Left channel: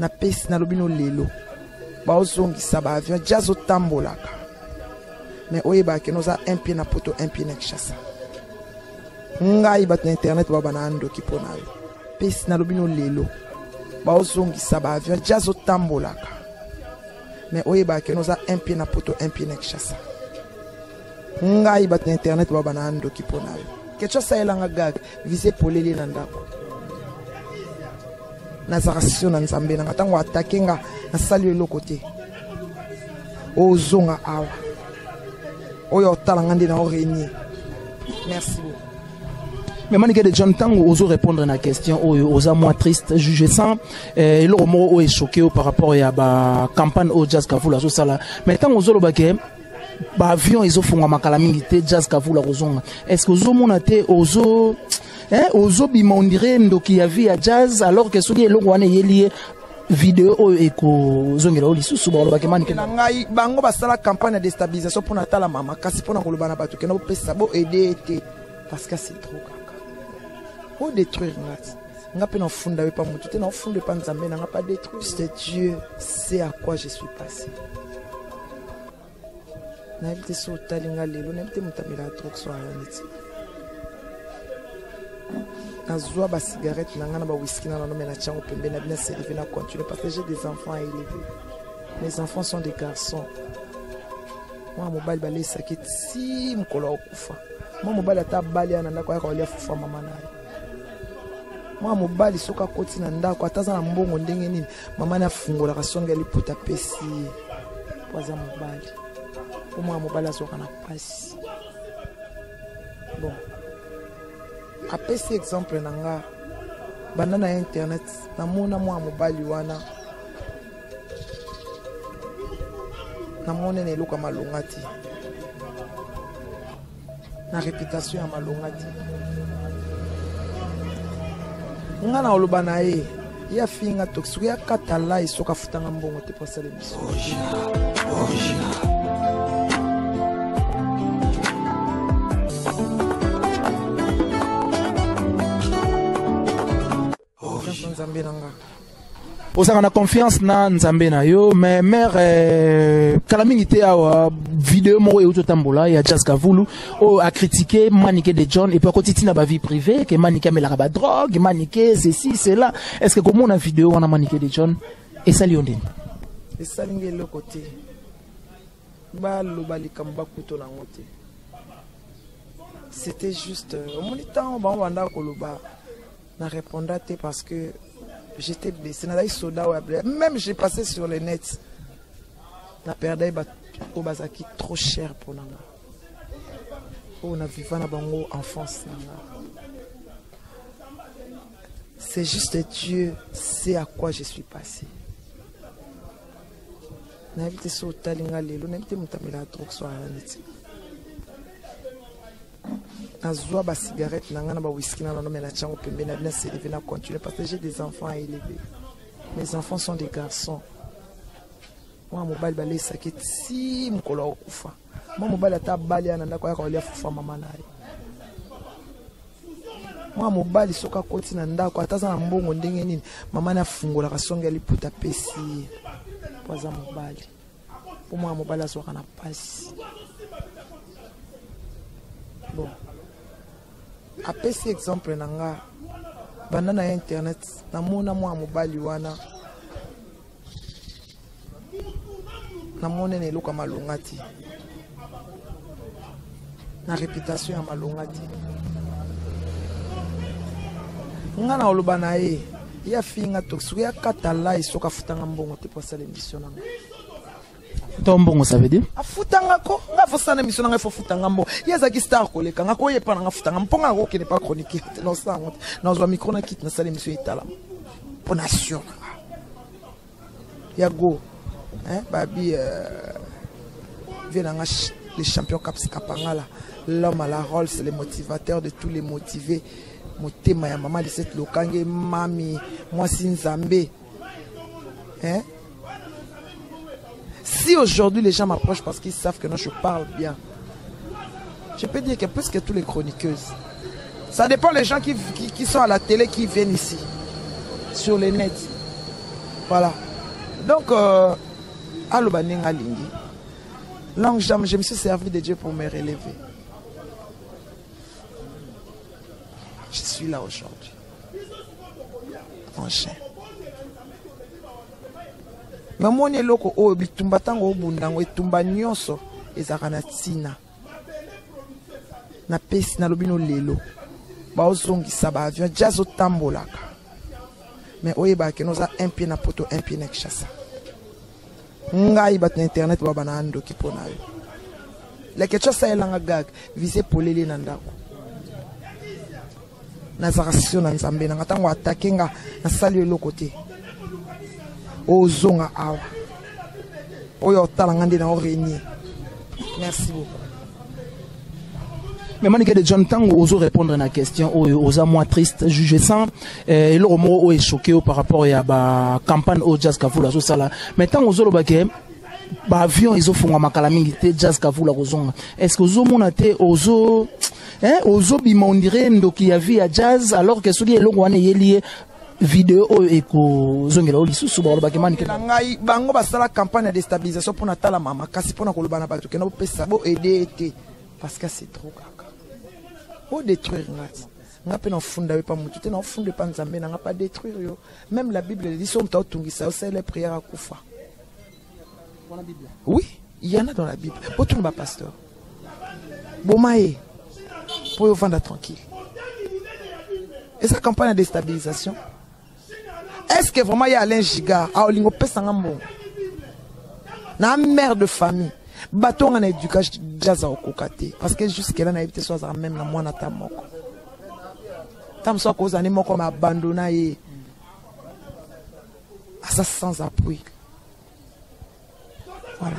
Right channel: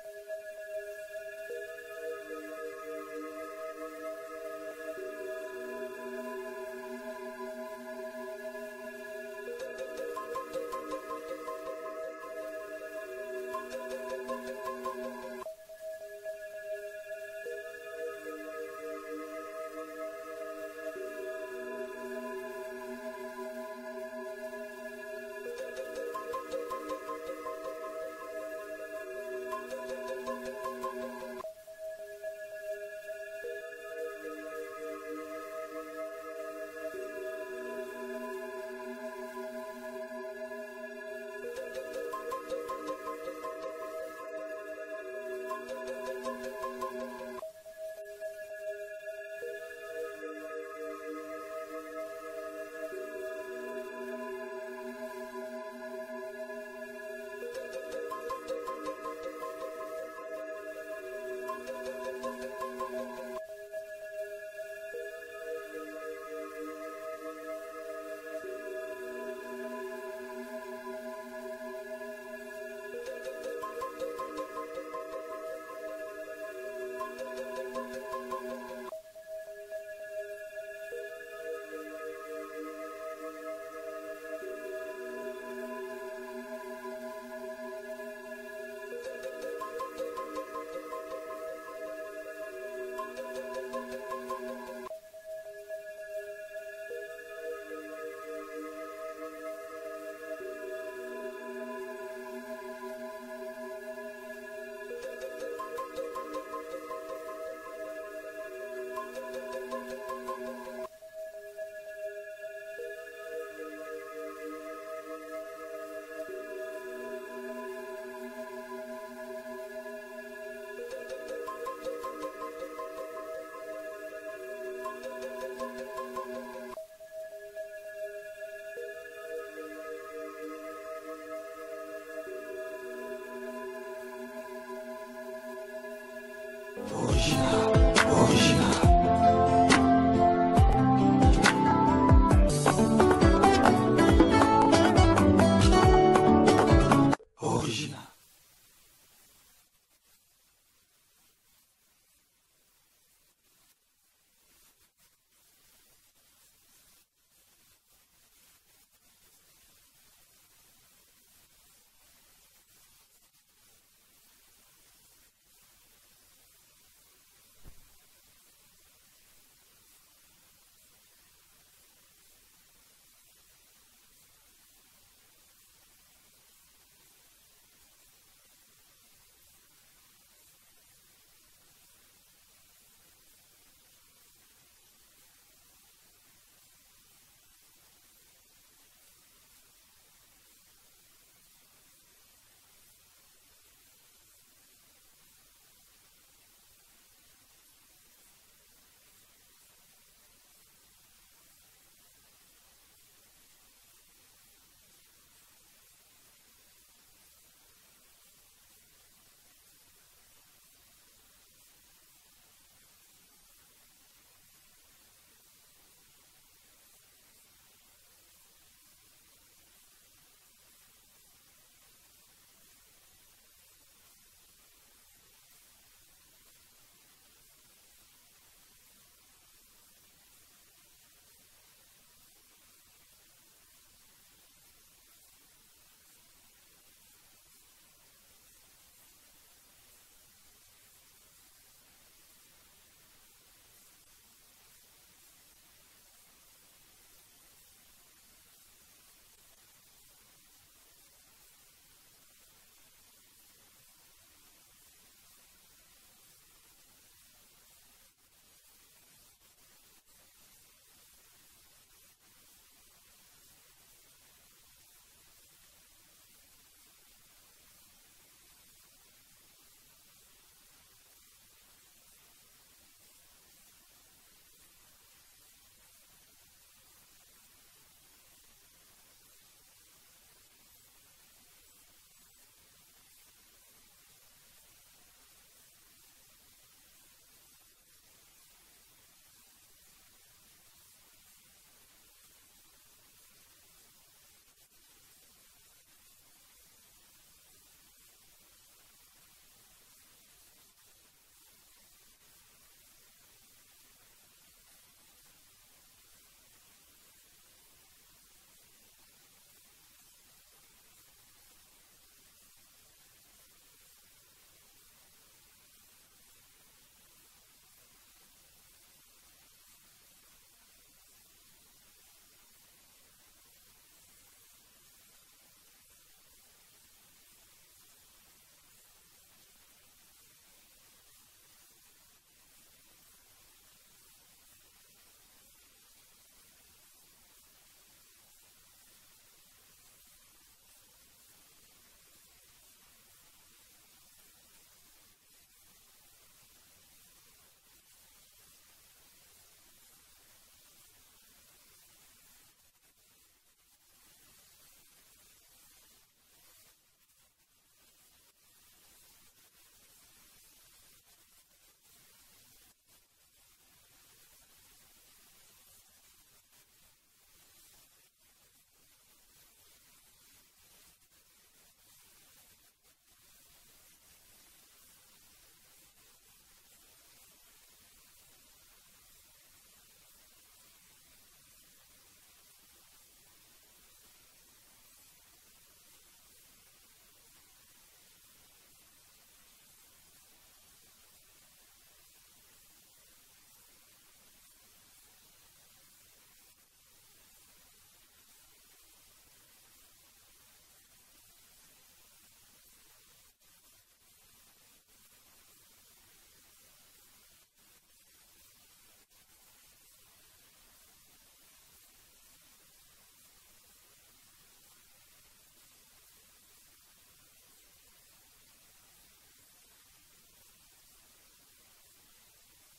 na pesi na lobino lelo ba ozongisa ba avion jazz otambolaka mais oyeba ke noza un pied na poto un pied na Kinshasa ngai bat na internet baba na ando ki pona pesi na lobino lelo ba ozongisa ba avion jazz otambolaka mais oyeba ke noza un pied na poto un pied na Kinshasa ngai bat na internet baba na ando ki pona quelque chose ça elanga gag visé polele na ndako nazarasio na nzambe na tango attaquer nga na sali le côté ozonga awa oyo talanga ndi na oreni merci beaucoup. Mais Maniké de John Tango oso répondre à la question osa moins triste juge sans et le mot est choqué par rapport à la campagne au jazz kavula so sala mais tant oso lo baké ba avion ils font ma calamité jazz kavula rozonga est-ce que oso monate oso ozo bima on dirait ndoki ya via jazz alors que soki eloko wana yelié vidéo eko zongela oli susu ba lo baké Maniké ngai bango basala campagne de déstabilisation pour natala mama kasi pour na koloba na batu kena pesa bo aider parce que c'est trop pour détruire nga pe na funda pe pa mutu te na funda pa nzambe na nga pas détruire c'est Dieu sait à quoi je suis passé na vite so talinga lelo na vite mutamela trop so ayoniti azwa ba cigarette na nga na ba whisky na no mena chango pembe na bina servir na continuer parce que j'ai des enfants à élever mes enfants sont des garçons moi mobile balé sakit si mkolo okufa moi mobile ata bali ana ndako ya kolia fufa mama na moi mobali soka koti na ndako ataza na mbongo ndenge nini mama na fungola kasonga liputa pesi kwaza mobali moi mobali azoka na pasi bon apesi exemple na nga banda na internet namona moi mobali wana namona ne luka malongati na réputation ya malongati nga na oloba na ye ya finga toxique ya katala isoka futanga mbongo te pasale biso nzambe nanga osaka na confiance na nzambe na yo mais mère kala mingi te awa vidéo moko euto tambola ya Jazz Kavulu o a critiqué Maniké de John et puis akotiti na ba vie privée que Maniké amelaka ba drogue Maniké ceci cela est-ce que comment na vidéo wana Maniké de John et ça liondé et ça lingi le côté ba lo balikam ba kuto na ngote c'était juste au monitant ba wanda koloba na répondate parce que j'étais blessé. Même j'ai passé sur le net. La perdue au Bazaki trop cher pour nous. On a vécu dans bango enfance. C'est juste Dieu sait à quoi je suis passé. N'avite so talinga lelo, n'avite mutamela trop soit azwa ba cigarette na nga na ba whisky na no mena chango pembe na bina servir na continuer parce que j'ai des enfants à élever. Mes enfants sont des garçons. Moi mobile balé sakit si mkolo okufa. Moi mobile ata bali ana ndako ya kolia fufa mama na ye. Moi mobile soka koti na ndako ataza na mbongo ndenge nini mama na fungola kasonga liputa pesi. Poza mobile. Pour moi mobile asoka na pasi. Bon. Apesi exemple na nga banda na internet namona mwa mobali wana namona ne luka malongati na réputation ya malongati nga na oloba na ye ya finga toxique ya katala isoka futanga mbongo te pour sala émission nanga tombongo ça veut dire afutanga ko nga fosana émission nanga fo futanga mbongo yeza ki star koleka nga ko yepa nanga futanga mponga ko kene pas chronique non ça na zo micro na kit na sala émission itala pour nation ya go babi venanga les champions caps kapangala l'homme à la rôle c'est le motivateur de tous les motivés motema ya maman de cette lokange mami moi sinzambe si aujourd'hui les gens m'approchent parce qu'ils savent que non, je parle bien, je peux dire que plus que tous les chroniqueuses, ça dépend des gens qui sont à la télé, qui viennent ici, sur les nets. Voilà. Donc, aloba ninga lingi. Longue jambe, je me suis servi de Dieu pour me relever. Je suis là aujourd'hui. Mon chien. Mais mon eloko o bitumba tango bundango etumba nyonso ezaka na tina. Na pesi na lobino lelo. Ba ozongisa ba avion jazo tambolaka. Mais oyeba ke noza un pied na poto, un pied na Kinshasa. Ngai bat na internet baba na ando ki pona yo. La ketcha sa elanga gag visé polele na ndako. Na zakasio na nzambe na ngatango atake nga na sali lo côté. Ozonga awa. Oyo tala ngande na orenie. Merci beaucoup. Mais Manique de John Tango ose répondre à la question aux moins triste juge sans et le mot est choqué par rapport à la campagne au jazz kavula so sala mais tant aux autres baké ba avion ils font ma calamité jazz kavula kozonga est-ce que aux monate aux bima on dirait ndoki ya via jazz alors que soki eloko wana yelié vidéo eko zongela olisusu ba loba kemani ngai bango basala campagne de déstabilisation pour natala mama kasi pour na koloba na bato kena pesa bo aider été parce que c'est trop pour détruire nga pe na funda pas mutu te na funda pa nzambe na pas détruire yo même la Bible dit son ta tungisa c'est les prières à kufa. Oui, il y en a dans la Bible. Pour tout le pasteur. Bomae pour yo vendre tranquille. Et sa campagne de déstabilisation. Est-ce que vraiment il y a Alain Giga a olingo pesa ngambo? Na mère de famille. Baton en éducation jazz au kokate parce que jusqu'à là na évité soit même na moi na tamoko tam so cause ani moko ma abandonna et ça sans appui. Voilà.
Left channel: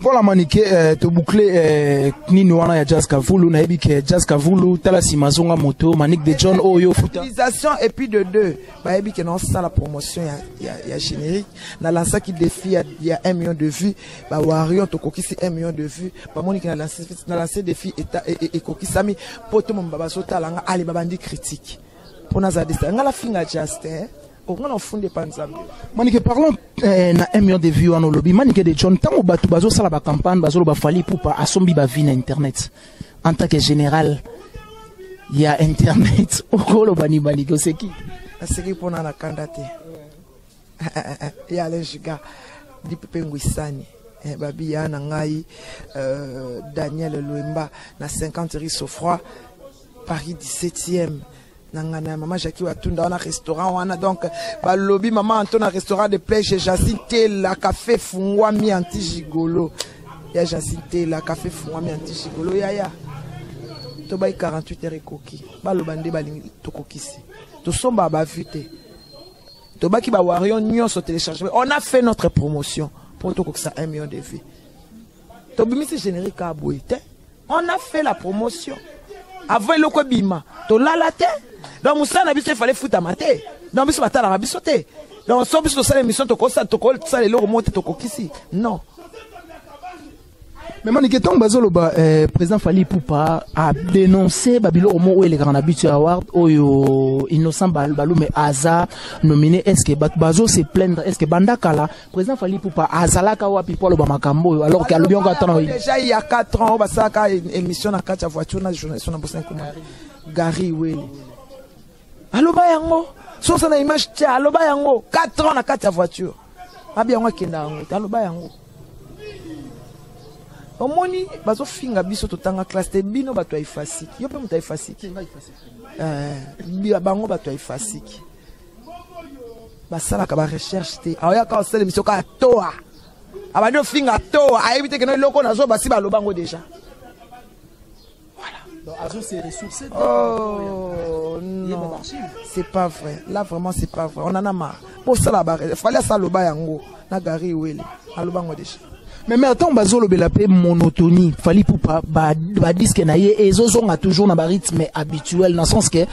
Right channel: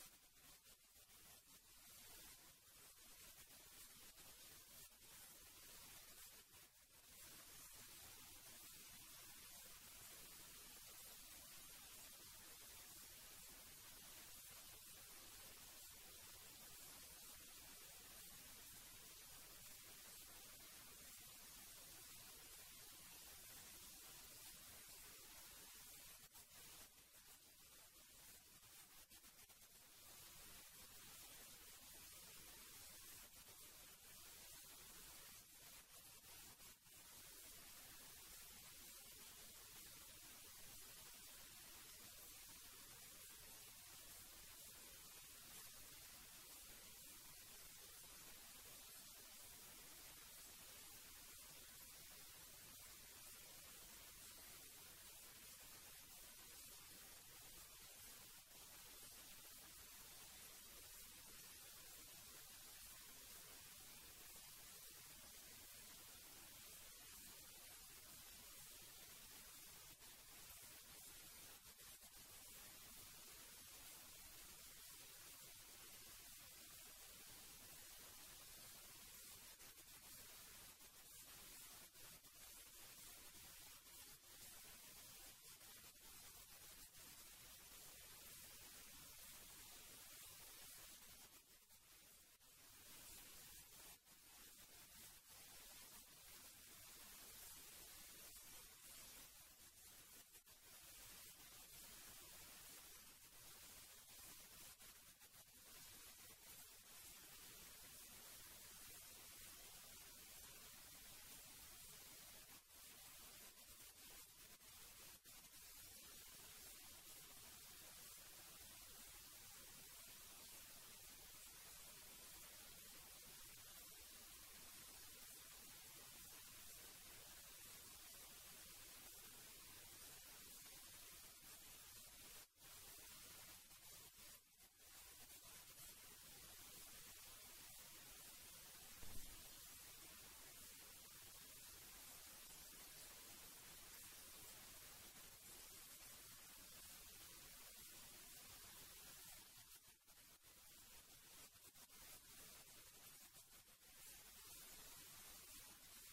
Voilà Manique te boucler nini wana ya jazz kavulu na ebi ke jazz kavulu tala simazonga moto Manique de John oyo futa utilisation et puis de deux ba ebi ke non ça la promotion ya générique na lança qui défi il y a 1 million de vues ba Warion to kokisi 1 million de vues ba Monique na lancé défi et kokisami poto mon baba so tala nga ali babandi critique pour na za desta nga la finga just on a fondé panzambe. Manique parlons na 1 million de vues en lobby Manique de John tango batu bazo sala ba campagne bazo ba fali pour pas asombi ba vie na internet en tant que général il y a internet okolo bani Manique c'est qui pour na kandate il y a les giga di pepe ngwisani babi ya na ngai Daniel Loemba na 50 rue Sofroy Paris 17e. Nangana maman Jackie Watunda on a restaurant on a donc ba lobby maman Anton a restaurant de pêche Jacinte la café fungwa mi anti gigolo ya Jacinte la café fungwa mi anti gigolo ya to bay 48 heures koki ba lobande ba lingi to kokisi to somba ba vite to ba ki ba Warion nyonso télécharger on a fait notre promotion pour to kokisa 1 million de vues to bimisi générique à boite on a fait la promotion avant le ko bima to lalate. Donc, Moussa n'a il fallait foutre à mater. Donc, il fallait la bisoter. Donc, si on a l'émission, tu as les remonter ici. Non. Mais Manique Tong Bazoloba, président Fali Poupa a dénoncé Babilo Omo où les grands habitués award, où innocent Balou, mais Aza nominé. Est-ce que Bazo se plaindre? Est-ce que Bandakala, président Fali Poupa, Azalaka ou Apipolo Bamakambo, alors qu'il y a le bien déjà il y a 4 ans, on a une émission à 4 voitures, on a une journaliste, on a bossé Gary Will. Aloba yango so ça na image tia aloba yango 4 ans na kati ya voiture abi yango kenda yango aloba yango omoni bazo finga biso totanga classe te bino bato ifasiki yo pe muta ifasiki bango bato ifasiki basala ka ba recherche te aya ka osele mission ka toa abado finga toa ayebite ke no loko nazo basi baloba ngo déjà. Oh non, c'est pas vrai. Là vraiment c'est pas vrai. On en a marre. Pour ça la barre, il fallait ça le bayango. Na gari wele. Alobango déjà. Mais attends, bazolo belapé monotonie. Fali Poupa ba disque na ye ezozonga toujours na ba rythme habituel dans le sens que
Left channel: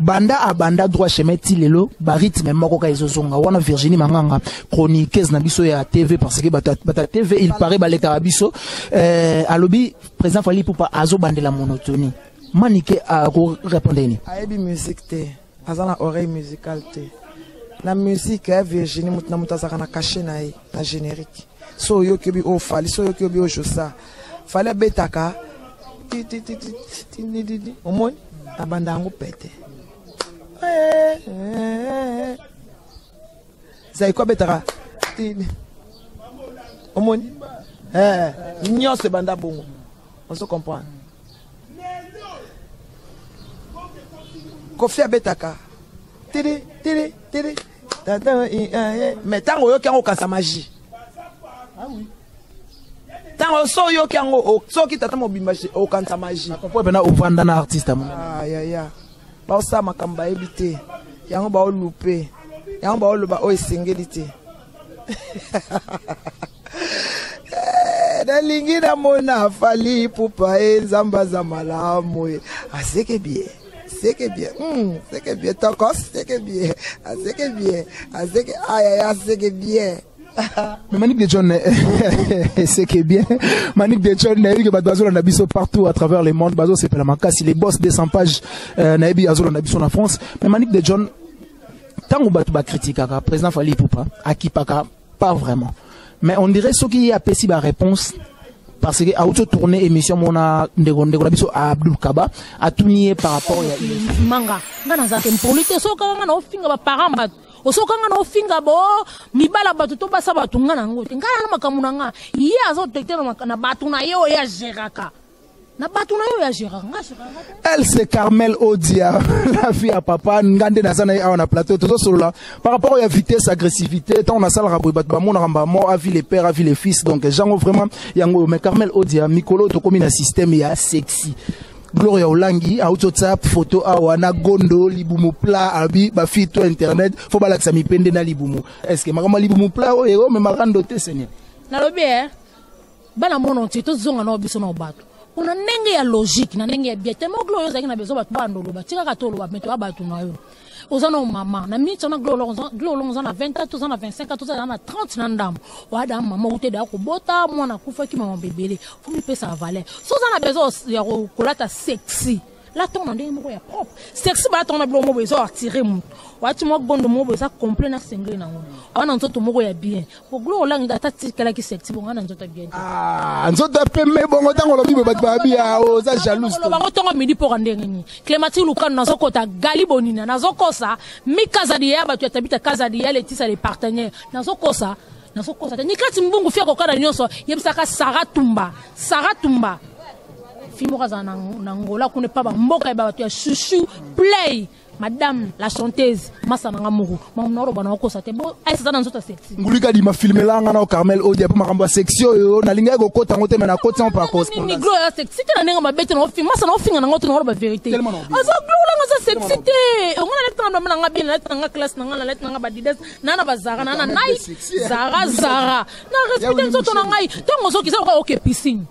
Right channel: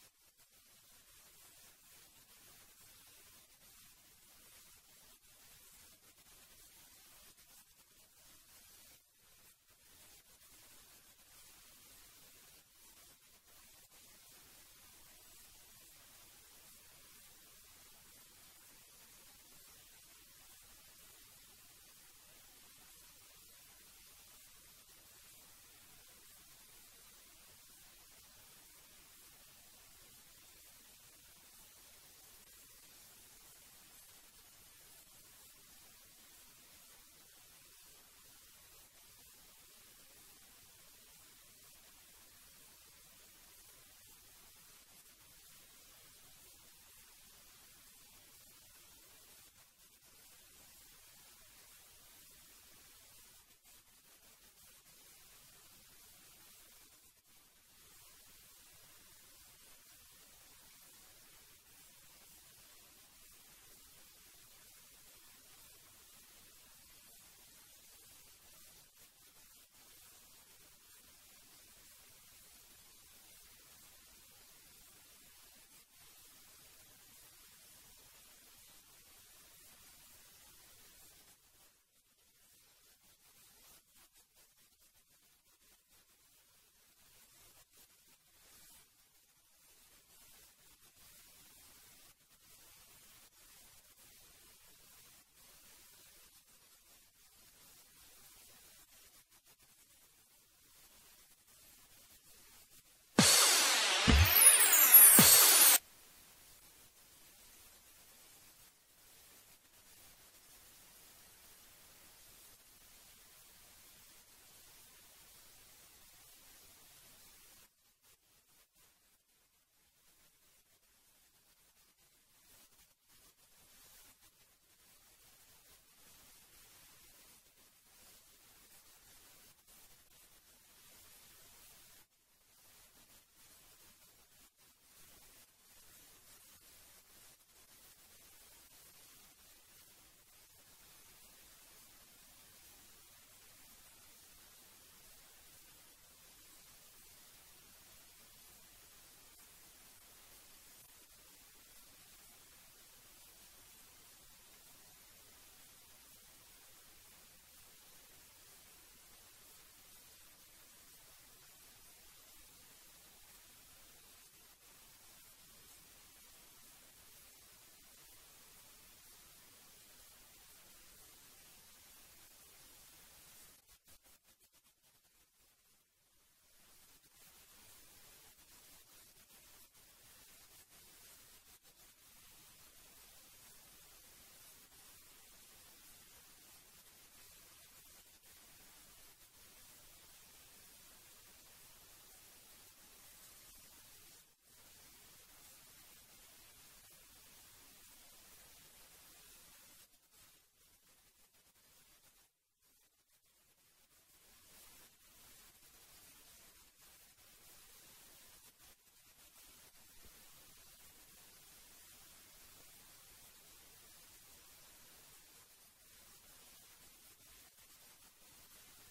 banda a banda droit chemin tilelo ba rythme moko ka ezozonga. Wana Virginie Manganga chroniqueuse na biso ya TV parce que bata TV il paraît ba leka biso alobi président Fali Poupa azo bandela monotonie. Manique a répondre ni. Ayebi musique te. Azana oreille musicale te. La musique est Virginie Moutna Moutazaka na caché na générique. So yo kebi o fali, so yo kebi o josa. Fallait betaka. Au moins, abandango pète. Ça y quoi betaka? Au moins, nyon se banda bongo. On se comprend. Kofi abetaka. Tiri. Mais tant que yo kasa magie. Ah oui. Tant que so yo so ki tata mobimbashi o kanta magie. Pourquoi bena ovanda na artiste amuna? Ya. Ba sa makamba ebite. Yango ba o louper. Yango ba o loba o esengelite. Dalingi na mona fali pupa nzamba za malamu. Aseke bien. C'est que bien, c'est que bien, tokos, c'est que bien, c'est que bien, c'est que c'est que bien. Mais Manick de John, c'est que bien. Manick de John, Naïbi Bazo on a biso partout à travers le monde. Bazo c'est Pelamaka, les boss des 100 pages. Naïbi Azol on a biso en France. Mais Manick de John, tant qu'on bat critique à président Fali Poupa, à qui pas vraiment. Mais on dirait ce qui a pessi la réponse. Parce que à auto tourner émission mona ndegonde biso Abdul Kaba a tout nié par rapport à manga ngana za tempolite so kanga na ofinga ba paramba osoka ngana ofinga bo mibala batu to basa batu ngana ngote ngana na makamuna nga ye azo tekte na batu na yo ya geraka na batu na yo ya geraka elle c'est Carmel Odia la fille à papa ngande na sana ya na plateau tout ça là par rapport à la vitesse agressivité tant on a ça le rabou bat ba mon ramba mo a vu les pères a vu les fils donc genre vraiment yango mais Carmel Odia Mikolo to comme un système ya sexy Gloria Olangi a WhatsApp photo a wana gondo libumu pla abi ba fi to internet faut ba laksa mi pende na libumu est-ce que makama libumu pla o ero mais marando te seigneur na lobi bana mono ti to zonga no biso no bato kuna ndenge ya logique na ndenge ya bien tellement Gloria zaki na bezo bato bandolo ba tika katolo ba meto abatu na yo ozana mama na minute na Gloria na 24 ans na 25 ans na 30 na ndam wada mama uteda ko bota mwana kufa ki mama bebele faut mi pesa valeur so zana bezo ya ko kolata sexy la ton ndenge moko ya propre sexy ba ton na blo mo bezo attirer mu wati mo gondo mo bezo complet na single na ngona wana nzoto moko ya bien ko Gloria ngi data tikala ki sexy bonga na nzoto bien nzoto peme bongo tango lobi ba babia o za jalouse to bango tongo midi po ndenge ni Clémentine Lukano nazokota galibonina nazokosa mikaza dia ba tu tabita kaza dia letisa les partenaires nazokosa ni kati mbungu fia kokana nyonso yebisaka Sarah Tumba fimo za na ngola kune pa ba mboka ba tu ya chouchou play madame la chanteuse masana ngamuru mamnoro bana wakosa te bo ai sasa nzoto sexy ngulika di ma filmer la ngana o Carmel Odia pa makamba section yo na linga ko kota ngote mena kota on par correspondance ni Gloria sexy te na nenga mabete no film masana o finga na ngoto no ba vérité azo Gloria ngasa sexy te ngona le tando mena ngabi na tanga class na ngala let nga ba dides nana bazara nana nai zara na respect nzoto na ngai tango zo kisa ko ke piscine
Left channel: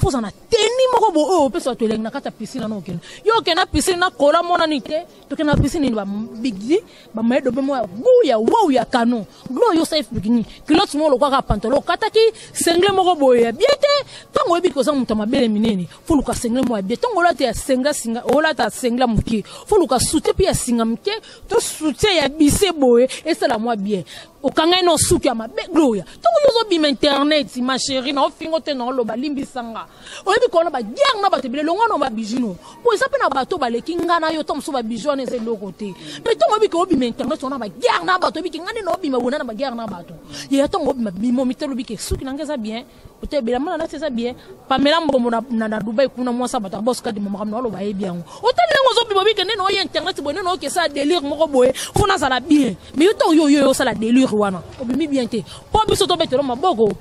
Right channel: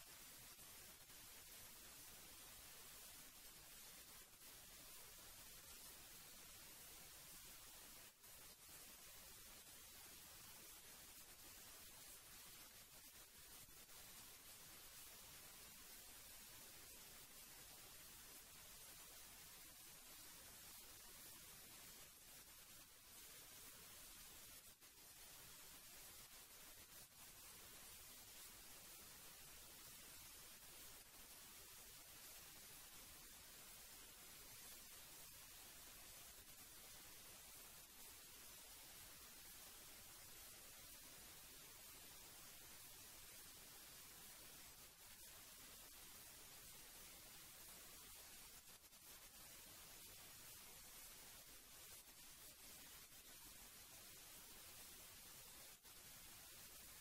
fuza na teni moko bo o pesa to lenga kata piscine na okena yo ke na piscine na kola mona nite to na piscine ba bigdi ba maedo be mo ya wow ya canon glo yo safe bigni kilot mo lo kwa pantalon kataki sengle moko boye biete tango ebi ko sa muta mabele minene fulu ka sengle mo biete tango la te ya senga ola ta sengla muki fulu ka sute pi ya singa muki to sute ya bise boye et c'est la moi bien o kanga no suki ya mabe gloria tango yo zo bim internet ma chérie na ofingo te no lo ba limbisanga o ebi ko na ba giang na ba te bele longa no ba bijino po isa pe na bato ba le kingana yo tom so ba bijone ze lo côté mais tango ebi ko bim internet on na ba giang na bato ebi kingane no bim bona na ba giang na bato ye tango bim bimo mitelo bi ke suki na ngeza bien o te bela mala na c'est ça bien pamela mbombo na Dubai kuna mwasa bato boss ka di mama no lo ba e bien o te lengo zo bimo bi ke no ye internet bo no ke sa délire moko boye fona ça la bien mais yo to yo ça la délire wana obimi bien te po biso to betelo maboko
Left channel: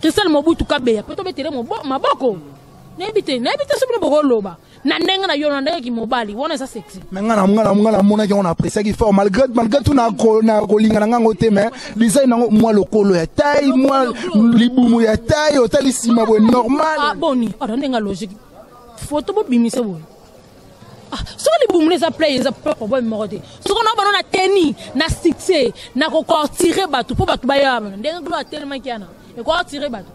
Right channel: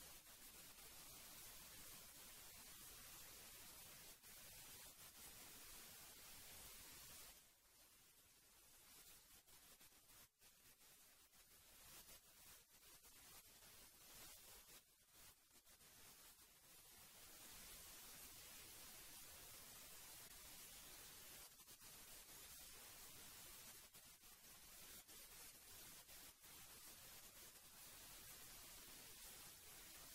Christelle Mobutu Kabeya to betelo maboko nebite sobino bokoloba na ndenga na yo na ndenge ki mobali wana ça sexy mais ngana mona ki on apprécie qui fort malgré tout na kolinga na ngango te mais design nango moi lokolo ya taille moi libumu ya taille otali sima bo normal ah boni ndenga logique photo bo bimise bo so les boum les appelés les appels pour moi te so qu'on a na tenni na succès na ko tirer bateau pour bateau baya ndenga gloire tellement kiana e ko tirer bateau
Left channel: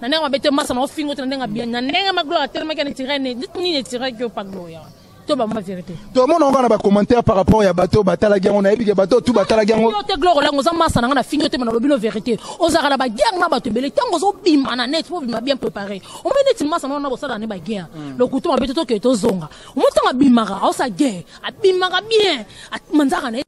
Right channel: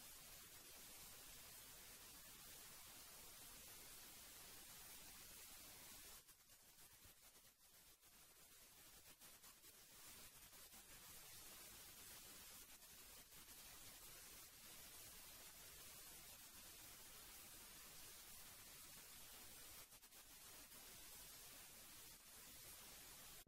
na ndenga bete massa na fingo te ndenga bien na ndenga ma gloire tellement kiana tirer ne dit ni tirer que pas gloire to ba ma vérité to mon on va commentaire par rapport ya bateau batala gang on a épique bateau tout batala gang yo te gloro la ngoza masa na fingo te na lobino vérité ozaka na ba gang na bato bele tango zo bima na net faut bima bien préparé on met net masa na bosala ne ba gang le couteau ma beto ke to zonga on tanga bimaka o sa gang abimaka bien manzaka na